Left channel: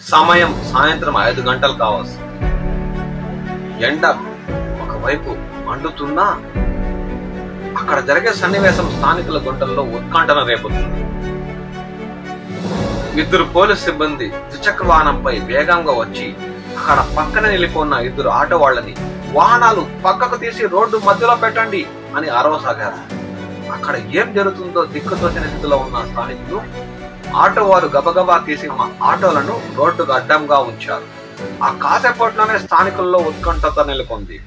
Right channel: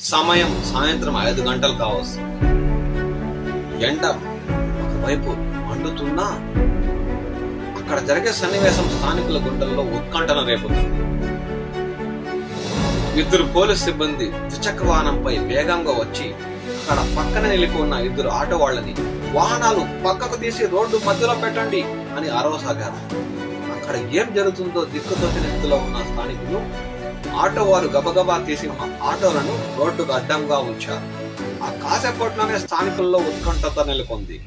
సమయం సాయంత్రం 5 గంటలు కావచ్చు. ఎండ ఒకవైపు మండుతున్నా అక్కడ జరిగే సన్నివేశం స్థానికుల గుండెల్లో ఉత్కంఠన రేపుతుంది. 2 పోలీసు సిబ్బంది ద్విచక్ర వాహనంపై వేగంగా వచ్చి అక్కడ పక్కన నిలిపోన్న 2 ఆటో వాళ్ళని వాహనాలు పక్కకు తీసి రోడ్డు మధ్యలో పెట్టండి అని అరవసాగారు. అక్కడ ఏం జరుగుతుందో దిక్కుతోచిన స్థితిలో ఉన్న స్థానికులు ఆటో వారు గబగబా తీసి ఆటోలను రోడ్డుకు అడ్డంగా ఉంచారు. ఆ కాసేపట్లోనే స్థానికుల్లో ఉత్కంఠత నెలకొంది.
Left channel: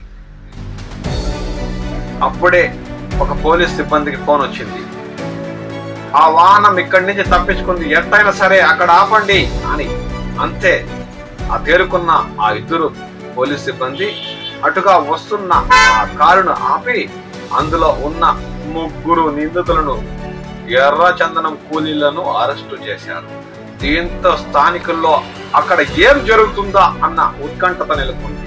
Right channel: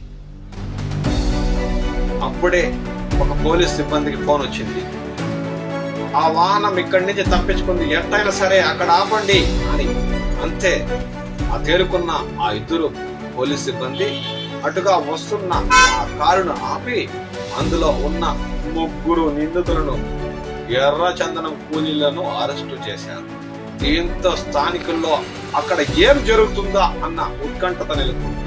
అప్పుడే ఒక పోలీస్ సిబ్బందికి ఫోన్ వచ్చింది. ఆ వాహనం ఇక్కడి నుంచి తప్పించుకుంది, ఎట్టయినా సరే అక్కడ ఆపండి అని. అంతే, ఆ తేరుకున్న ఆ 2 పోలీస్ సిబ్బంది అటుగా వస్తున్న ఆ కారును ఆపి అందులో ఉన్న 3 నిందితులను ఎర్ర చందనం కూలీలను అరెస్టు చేశారు. దీంతో స్థానికుల్లో అక్కడ ఏం జరుగుతుందా అన్న ఉత్కంఠత నెలకొంది.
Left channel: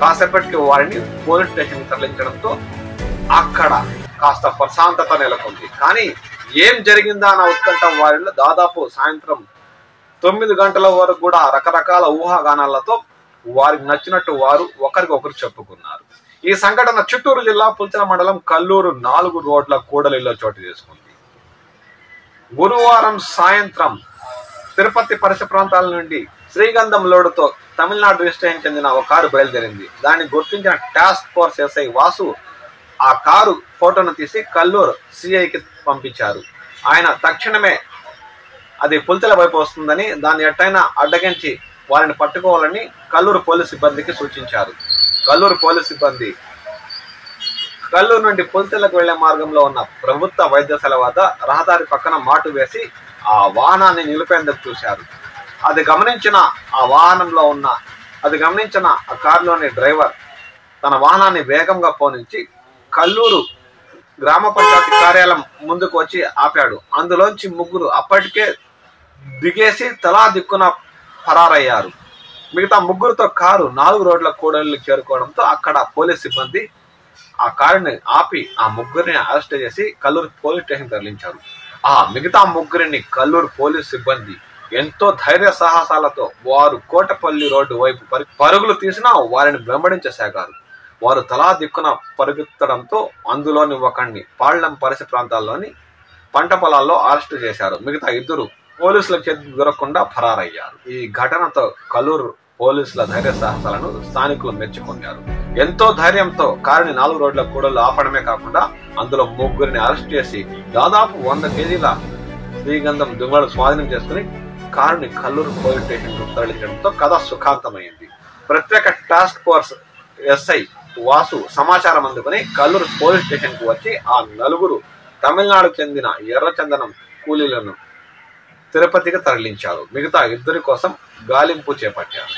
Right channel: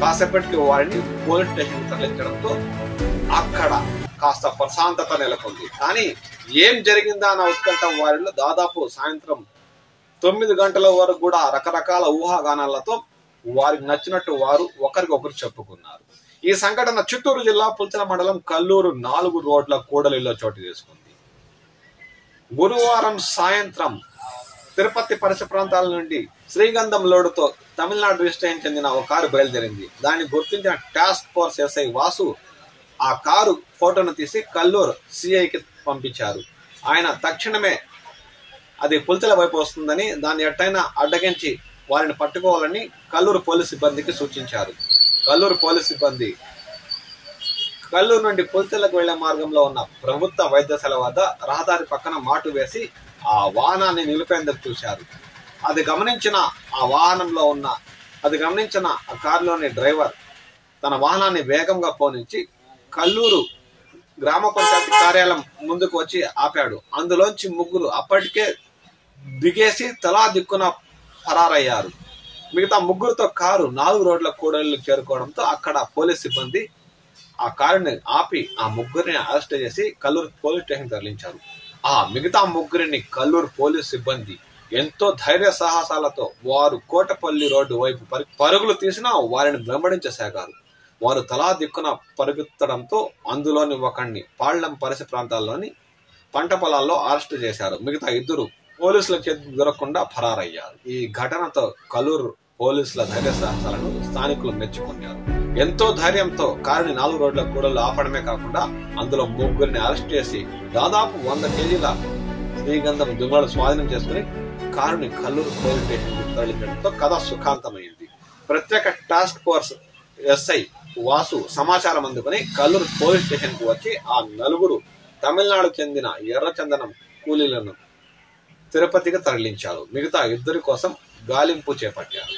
కాసేపటికి వారిని పోలీస్ స్టేషన్ తరలించడంతో అక్కడ కాస్త ప్రశాంతత నెలకొంది. కానీ ఏం జరిగిందా అన్న ఉత్కంఠ వారిలో దాదాపు సాయంత్రం 9 గంటల వరకు కూడా రకరకాల ఊహాగానాలతో వారికి నచ్చినట్టు వారు ఒకరికొకరు చెప్పుకున్నారు. ఈ సంఘటన చిత్తూరు జిల్లా పుల్చల మండలం కల్లూరు 4 రోడ్ల కూడలిలో చోటు చేసుకుంది. గురువారం సాయంత్రం తిరుపతి పరిసర ప్రాంతాల నుండి శ్రీగంధం లోడుతో తమిళనాడు రిజిస్ట్రేషన్ చెందిన ఒక కారు బయలుదేరింది. దాన్ని గుర్తించిన టాస్క్ ఫోర్స్ ఎస్ఐ వాసు ఆ కారు ఫోటోను తీసి కల్లూరు సిఐకి పంపించారు. ఆయన తక్షణమే అది పుల్చల వైపు వస్తుందని, దాన్ని ఎట్టయినా అడ్డగించి వారిని పట్టుకోవాలని కల్లూరు పోలీసు సిబ్బందికి సూచించారు. కల్లూరు పోలీసు సిబ్బంది కల్లూరు నుండి పుల్చలకు వెళ్లే మార్గంలో ఉన్న ప్రభుత్వ వైద్యశాల వద్ద రహదారి పక్కన మాటు వేసి ఆ వాహనాన్ని నిలిపేందుకు చూశారు. అది గమనించిన ఆ కారులోని డ్రైవర్ తన వాహనాన్ని వేగంగా పోనించి కల్లూరు గ్రామ పంచాయతీ కార్యాలయం ముందుకు వచ్చి ఆపాడు. అందులోంచి 3 అప్పటికే దిగేసి తలా దిక్కున పరారయ్యారు. మిగతా 3తో కారు 4 రోడ్ల కూడలికి చేరుకోవడంతో అక్కడ పోలీస్ సిబ్బంది ఆ కారుని ఆపి ఆ 3ని అరెస్ట్ చేసి కల్లూరు పోలీస్ స్టేషన్ తరలించారు. ఆ మిగతా 3ని కల్లూరు పోలీస్ సిబ్బంది ఎంతో ధైర్య సాహసాలతో వారు కోటపల్లి రోడ్డు వైపు పరుగులు తీసినా వారిని వెంబడించసాగారు. వారు తలా దిక్కున పరుగుతడంతో అందులోని ఒకరిని పాళ్లం పరిసర ప్రాంతాల్లోని పంట పొలాల్లో అరెస్టు చేశారు. మిగతా 2 పోలీసుల చేతికి దొరకకుండా ఫరారయ్యారు. ఈ ఘటనతో కల్లూరు పోలీసుల ధైర్య సాహసాలను స్థానికులు మెచ్చుకున్నారు. ఎంతో ధైర్యంతో కారుని 4 రోడ్ల కూడలు ఆపడమే కాకుండా అందులో 3ని అరెస్ట్ చేసి దాదాపు 100 కేజీల శ్రీగంధం దుంగలు స్వాధీనం చేసుకుని కారుని కల్లూరు పోలీస్ స్టేషన్ తరలించడంతో కథ సుఖాంతమైంది. ప్రత్యేక టాస్క్ ఫోర్స్ ఎస్ఐ వాసు సమాచారం అందుకుని కల్లూరు పోలీస్ స్టేషన్ కు వచ్చి ఆ 4 తమిళనాడు చెందిన ఎర్రచందనం కూలీలను తిరుపతికి తరలించారు. మిగతా 2 కోసం గాలింపు చేపట్టారు.